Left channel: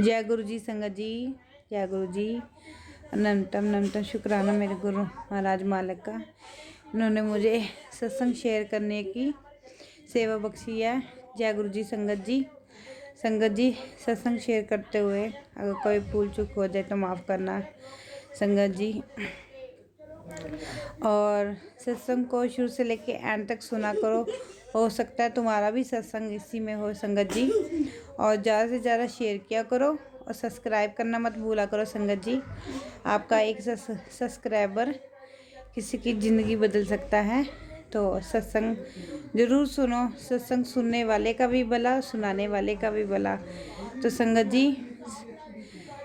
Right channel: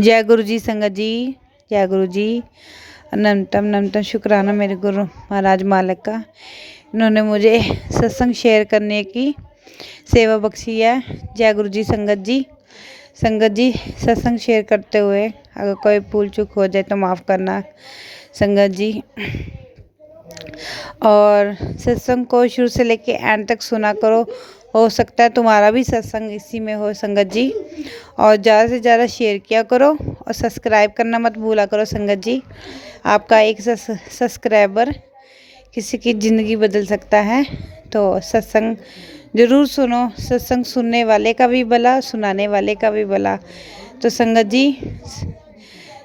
जय गुरु जी संगत जी। जय गुरु जी। अनंतम नमतम शुक्राना मेरे गुरु महाराज मालिक का, इन्होंने मुझे सत्संग शेयर करने की सेवा बख्शी है। जय गुरु जी संगत जी। संगत जी, सत्संग शेयर करते हुए अगर कोई भूल चूक हो जाए तो माफ़ करना संगत जी। और सत्संग को शुरू से लेके एंड तक सुना करो, हो सकता है तुम्हारा भी सत्संग इसी में हो संगत जी। और ज़्यादा से ज़्यादा शेयर किया करो और सब्सक्राइब करना मत भूला करो संगत जी। आपका एक सब्सक्राइबर किसी की ज़िंदगी बदल सकता है, तो सत्संग ज़रूर सुनो। सत्संग सुनने वाले का भी भला, सुनाने वाले का भी भला। तो संगत जी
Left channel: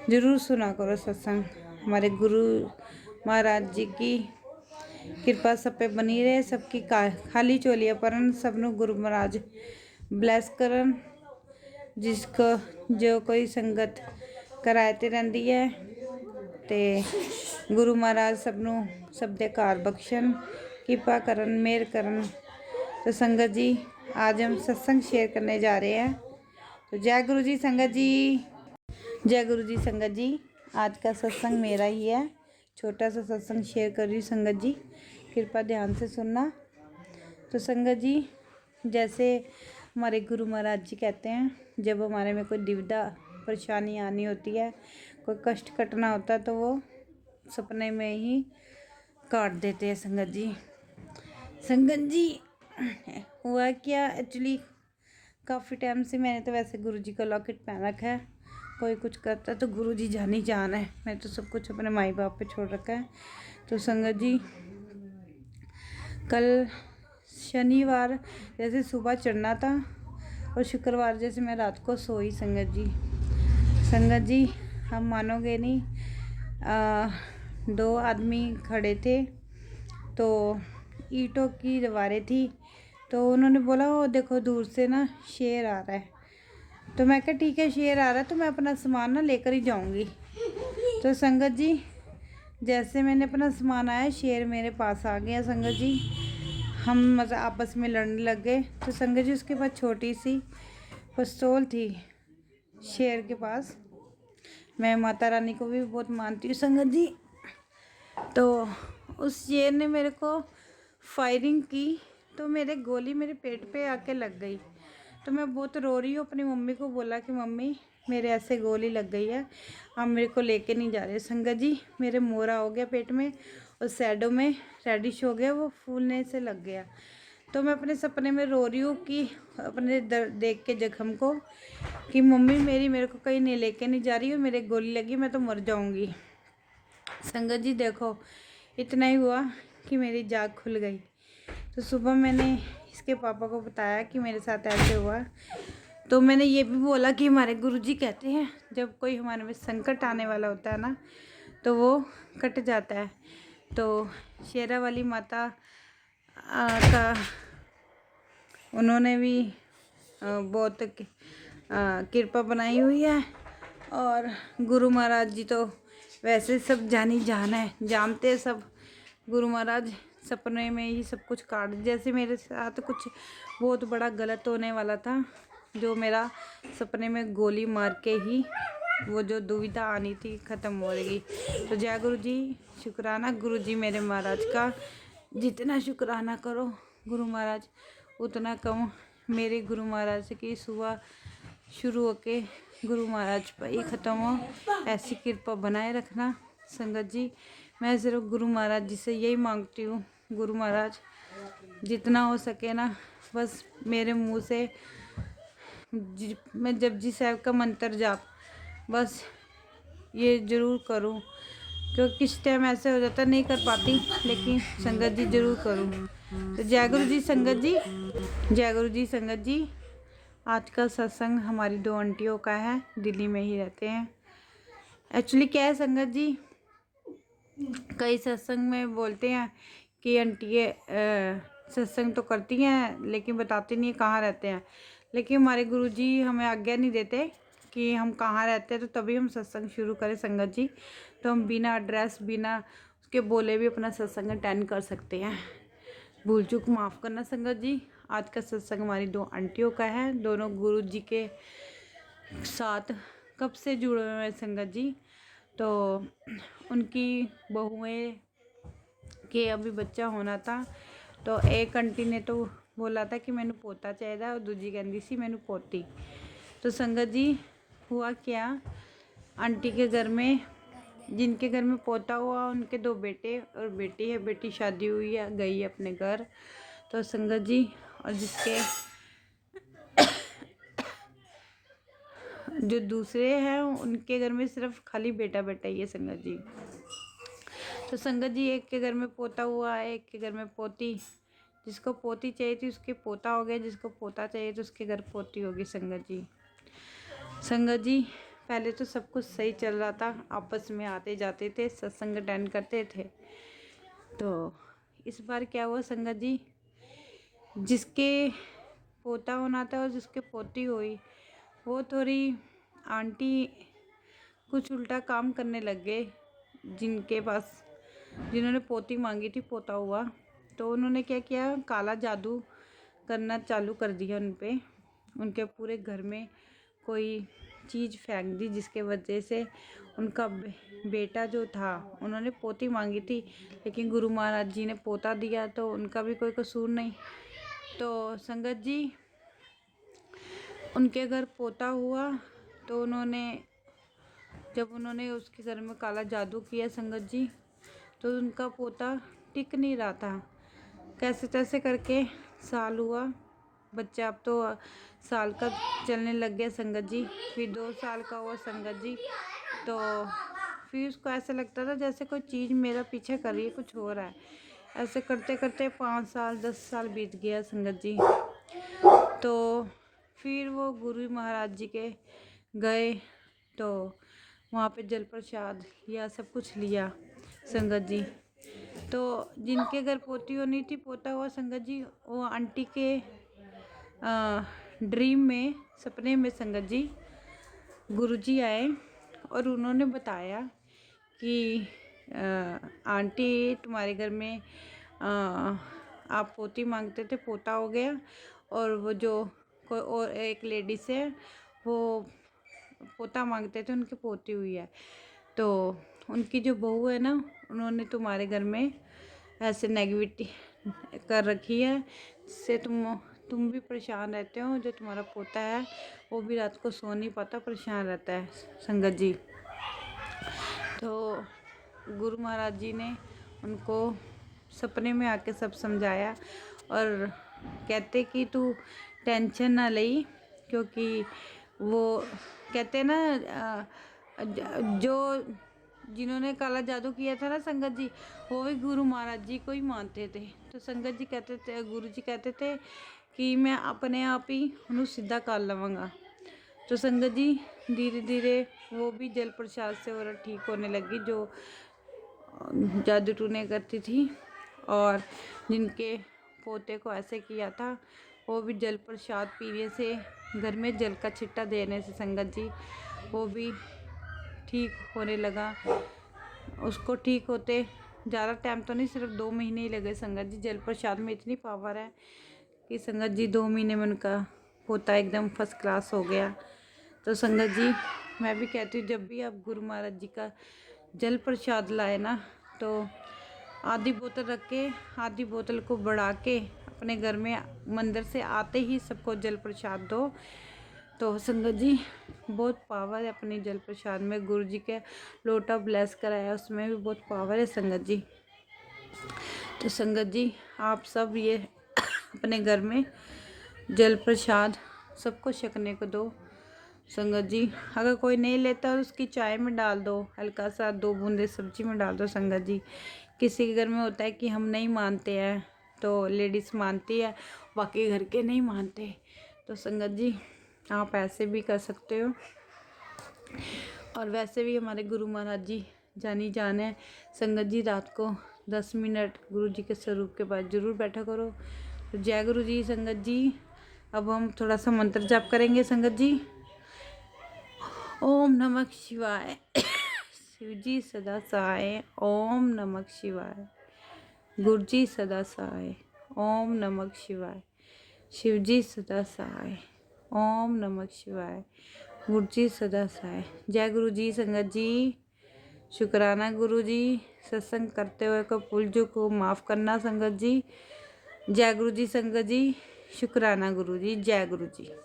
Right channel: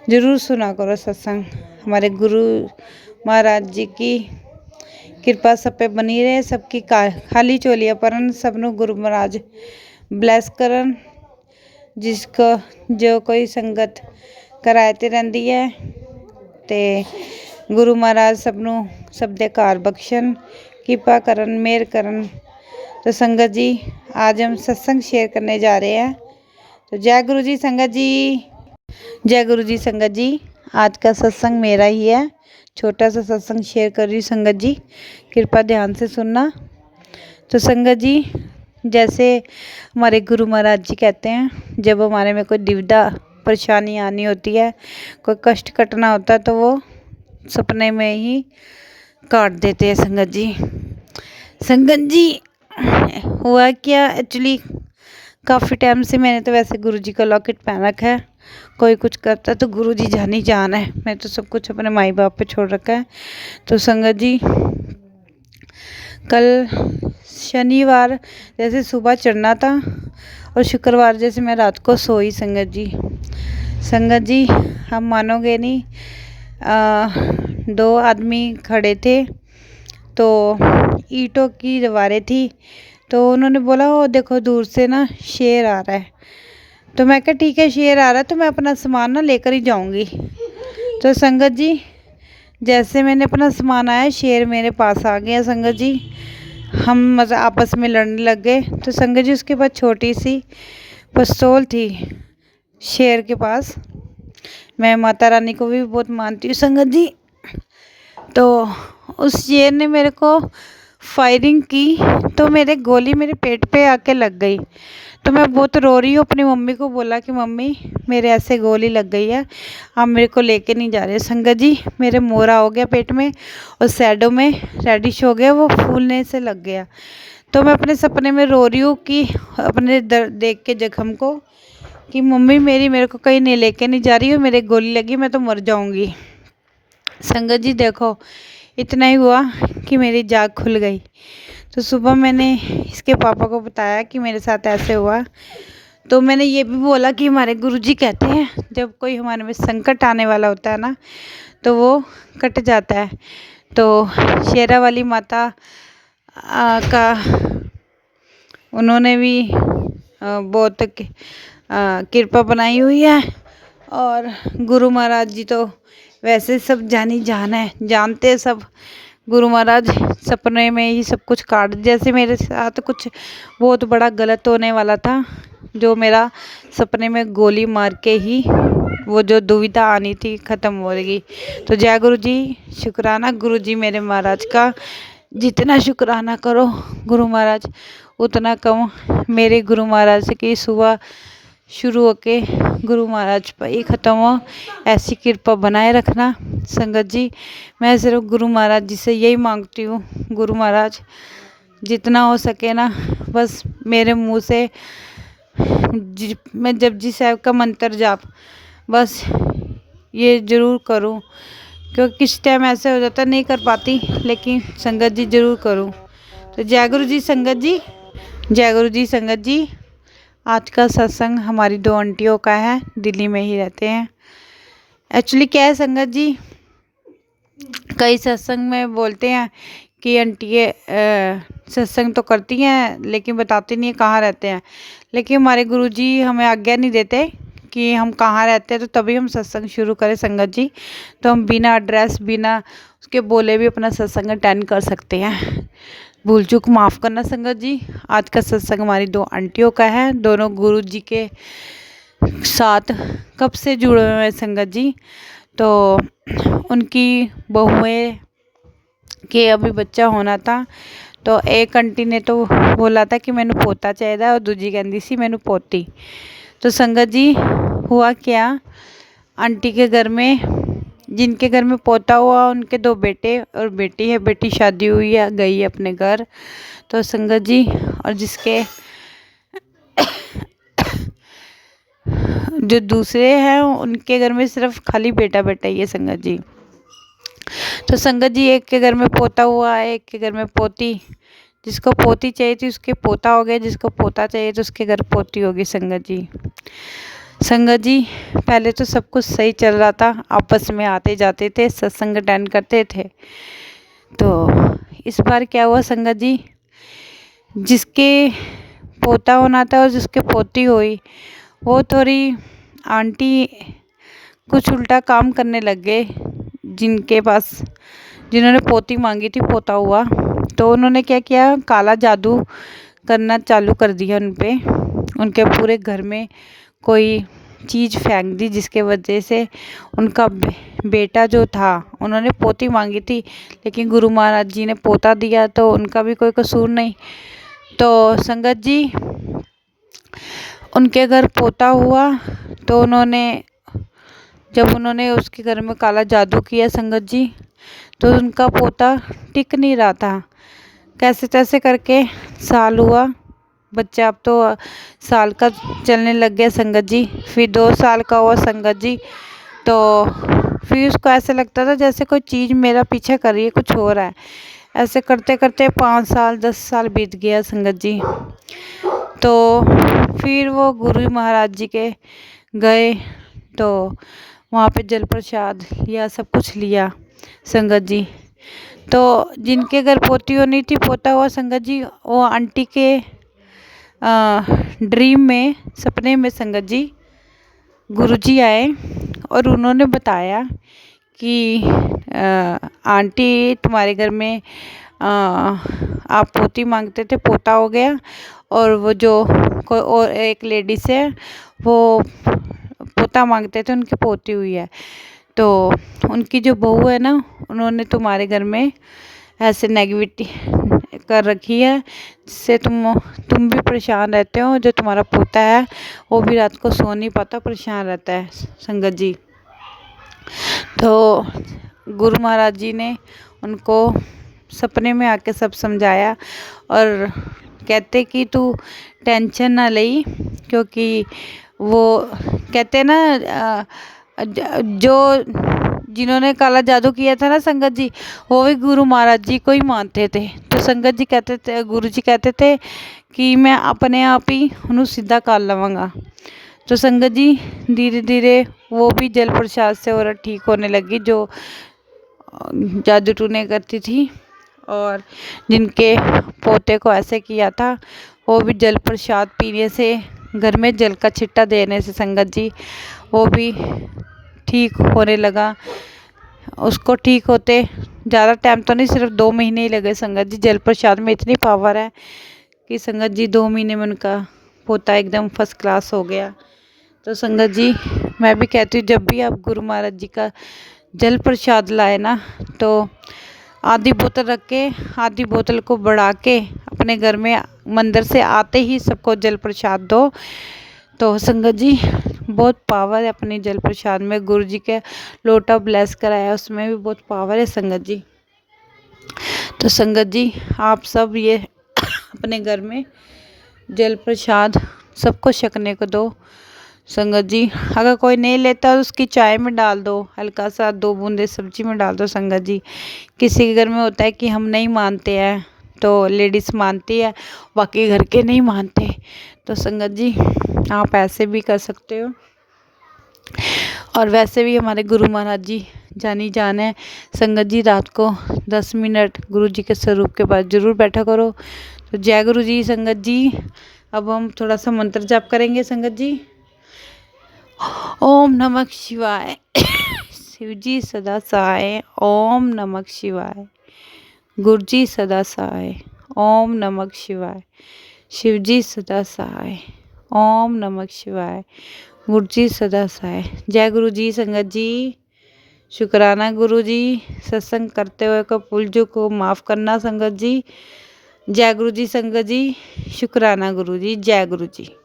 ज़रूर सुना करो सत्संग। हमारे गुरु महाराज जी की कृपा सब पे बनी रहे, सबकी खाली चोलियां परन, सबनों गुरु महाराज ब्लैस करन। जिसको जो कोई संगत कराते रहती है ते गुरु महाराज सबनों सब दे कार बख्शन, कृपा करन, मेहर करन। तो संगत जी आज हम सत्संग शेयर करने जा रहे हैं। तो जय गुरु जी संगत जी। जय गुरु जी संगत जी। आज का सत्संग मेरा ही है, छोटा सा सत्संग शेयर कर रही हूँ संगत जी, कृपा ध्यान से सुनना। तो संगत जी, जैसे हमारे गुरु महाराज जी कहते हैं, जब हमारे में कोई दुविधा परेशानी आनी होती है, कोई कष्ट कटना होता है, तो वो सपने में ही काट देते हैं संगत जी। संगत जी हुआ क्या, एक्चुअली काफ़ी टाइम से मैंने तो वैसे गुरु जी का लॉकेट पहन रखा है। कोई कुछ करता तो गुरु जी जान ही जान है, मैं तो सब कुछ अपने माई बाप पे छोड़ रखा है। तो संगत जी कल शनिवार जैसे सुबह चढ़ना था और शुक्रवार जैसे मैं रात को सोई संगत जी। संगत जी हम मानोगे नहीं, दो आदमी खड़े थे, तो ईंटों की दीवारें थी, तो उन्होंने बोला वो देखो दूर से ना शेर आ रहा है। तो मैं कहा ठीक है शेर आ रहा है तो मैं अपना सामान ना लेकर ही जाऊंगी। तो संगत जी जैसे मैंने अपना सामान आया, शेर मेरे पास आ गया संगत जी। हम मतलब आपस में लड़ने लग गए। तो संगत जी उसके पास छोटी सी पिस्तौल थी शेर के पास। मैं माता रानी को भी बहुत मानती हूँ संगत जी। तो उस शेर ने मेरे को फायरिंग की, तो मेरे गोली मेरे पेट पे आके लग गई। तो मैं बहुत रो रही हूँ, अपनी मम्मी को बोला कि मम्मी मेरे ऐसे गोली लग गई है, आप मेरे को लेके नहीं जा रहे। संगत जी मेरे मोरा हो गया पेट में और सैडो में रेडिश हो गया, वो फूलने से लग गया। तो मैं अपने सपने में रो रही हूँ कि अपने दर्द देख के जख्म को, कि मम्मी मेरे को कहीं नहीं लेके नहीं जा रही हो, मेरे गोली लगी, मैं तो मर जाऊँगी। संगत जी देखो इतना ही हुआ कि मेरी जाग खुल गई। तो सुबह मैंने इसके पापा को बताया कि मेरे साथ ऐसे हुआ। तो मैंने ये भी बोला कि हमारे गुरुजी कहते हैं जब कोई हमारे में संकट आने वाला होता है ना, तो वो कट जाता है। तो शेरा वाली माता का उन्होंने भी बहुत कृपा बनाई हुई है। और गुरु महाराज जी तो वैसे सब जानी जान है, जानते सब। गुरु महाराज सपने में ही सब कुछ काट, जैसे मेरे साथ कुछ बहुत बड़ा गलत होने वाला था, जो मेरा सपने में गोली मार के ही वो जो दुविधा आनी थी ख़त्म हो गई। तो जय गुरु जी, शुक्राना गुरु जी मेरे महाराज का। जितना शुक्राना करो गुरु महाराज उतना कम। मेरे गुरु महाराज की सुबह शुरू होके गुरु महाराज पर ही ख़त्म हो, ऐसी कृपा बनाए रखना संगत जी। मैं सिर्फ गुरु महाराज जी से यही मांगती हूँ, गुरु महाराज जितना हो सके ना बस मेरे मुंह से मैं जपजी साहब का मंत्र जाप बस ये ज़रूर करूँ, क्योंकि किस टाइम ऐसे हो जाता नहीं कर पाती, लेकिन संगत जी ज़रूर करूँ। तो जय गुरु जी संगत जी। जय गुरु जी संगत जी। आज का सत्संग हमारी दो आंटियों का है, दिल्ली में ही रहते हैं। एक्चुअली क्या है संगत जी, कई सत्संग में बोलते हैं कि आंटियाँ सत्संग तो करती हैं लेकिन बताती नहीं है कहाँ रहते हैं। लेकिन हमारे गुरुजी हमें आज्ञा नहीं देते कि हम कहाँ रहते हैं, तो तभी हम सत्संग शुरू करें संगत जी। तो हम बिना एड्रेस बिना उसके बोले भी अपना सत्संग अटेंड कर सकते हैं। भूल चूक माफ़ करना संगत जी। आज का सत्संग हमारी दो आंटियों का है, दोनों गुरु जी के साथ कब से जुड़े हुए हैं संगत जी। तो उनकी बहुएं के अभी बच्चा होना था, तो एक आंटी ने तो बोला था कि मैंने पोता चाहिए और दूजी कहती सी मैंने पोती। तो संगत जी हुआ क्या, आंटी के घर में, जिनके घर में पोता हुआ उनके 2 बेटे और बेटी है, बेटी शादी हुई है गई है अपने घर। तो संगत जी, और जिसके जो दूसरे हैं उनके घर में सिर्फ खाली बेटा बेटा ही है संगत जी। तो संगत जी एक के घर में पोता हुआ है, एक के घर में पोती। जिसको पोती चाहिए थी उसके पोता हो गया, जिसको पोता चाहिए तो उसके घर पोती होगी संगत जी। संगत जी पहले तो सब कुछ सही चल रहा था, आपस में आते जाते थे, सत्संग अटेंड करते थे। तो इस बार क्या हुआ संगत जी, जिसके पोता होना था और जिसके पोती हुई, वो थोड़ी आंटी कुछ उल्टा काम करने लग गए। जिनके पास, जिन्होंने पोती मांगी थी पोता हुआ, तो उन्होंने क्या किया, काला जादू करना चालू कर दिया उन पे। उनके पूरे घर में कोई चीज़ फेंक दी, जिसके वजह से उनका बेटा जो था, उन्होंने पोती मांगी थी लेकिन गुरु महाराज जी ने पोता दिया, तो उनका भी कोई कसूर नहीं। तो संगत जी उनके घर पोता हुआ, तो जब उन्होंने उसके घर में काला जादू किया संगत जी, तो उनका पोता टिक नहीं रहा था। कैसे तैसे करके साल हुआ, बच्चा अब तो साल का चलने लग गया संगत जी। फिर 2 साल का हुआ संगत जी। तो फिर उसको ऐसे लगता था जैसे कोई चीज़ मेरा पीछा कर रही है, कुछ हो रहा है। ऐसे करते करते 5 साल 10 साल बीत गया संगत जी। तो फिर वो गुरु महाराज जी के गए, तो वहाँ पे जल प्रसाद लिया, सब कुछ लिया संगत जी। तो जिनके घर पोती होनी थी पोता हुआ संगत जी, वो आंटी के ड्रीम में, सपने में संगत जी गुरुजी आए और उन्होंने बताया कि आंटी तुम्हारे घर में आप पोती मांगते थे, पोता हो गया, और वो जो कोई और एक लेडीज है वो पोता मांगते थे, उनकी पोती हुई है। तो उनकी जो बहू है ना, उन्होंने तुम्हारे घर में ऐसे नेगेटिविटी कर रखी है, जिससे तुम भी परेशान रहते हो। जो तुम्हारा पोता है वो भी रात को सो नहीं पाता, परेशान रहता है संगत जी। तो गुरु महाराज जी ने उनको सपने में आके सब समझाया और कहते कि तू टेंशन ना ले, क्योंकि वो कहते ना जो जिन्होंने काला जादू किया था ना संगत जी, वो भी गुरु महाराज जी को ही मानते थे। तो संगत जी कहते थे, गुरु जी कहते थे कि मैं अपने आप ही उन्हें सीधा कर लवांगा। तो संगत जी धीरे धीरे वो भी जल प्रसाद से और ठीक होने लगी, जो जादू टूने करती थी। और जिनके पोते को ऐसे किया था, वो भी जल प्रसाद पीने से, घर में जल का छिट्टा देने से संगत जी वो भी ठीक होने लगा। उसको ठीक होते ज़्यादा टाइम तो नहीं, सिर्फ 2 महीने ही लगे संगत जी। जल प्रसाद में इतनी पावर है कि संगत जी 2 महीने में उनका पोता एकदम फर्स्ट क्लास हो गया। तो संगत जी मैं भी कहती हूँ, जब भी आप गुरु महाराज जी का जल प्रसाद लाए ना, तो आधी बोतल रख के, आधी बोतल को बढ़ा के अपने घर में मंदिर से आते ही सबको जल प्रसाद दो। तो संगत जी बहुत पावर है अपनी जल प्रसाद में। गुरु जी के लोटा ब्लेस कराया, उसमें भी बहुत पावर है संगत जी। तो संगत जी आप सब ये अपने घर में जल प्रसाद सबको छकने को दो संगत जी। अगर कोई नहीं लेता तो उसकी चाय में डाल दो, हल्का सा 2 बूंदे सब्जी में डाल दो संगत जी। किसी के घर में होता है कि हम नहीं मानते हैं, तो लेडीज़ मानती है, बाकी घर के नहीं मानते। तो संगत जी आप ऐसे भी कर सकते हो। और वैसे भी हमारे गुरु महाराज जी जानी जान है संगत जी। रात को 10 मिनट गुरु जी के स्वरूप के पास ज़रूर बैठा करो। तो जय गुरु जी संगत जी। अब हम थोड़ा सा मंत्र जाप करेंगे संगत जी। ओम नमः शिवाय। शिव जी सदा सहाय। ओम नमः शिवाय। गुरु जी सदा सहाय। ओम नमः शिवाय। शिव जी सदा सहाय। ओम नमः शिवाय। गुरु जी सदा सहाय। जय गुरु जी संगत जी। शुक्राना गुरु जी। सत्संग करते हुए को भूल चूक को माफ़ करना संगत जी। जय गुरु जी संगत जी। शुक्राना गुरु जी। जय गुरु जी।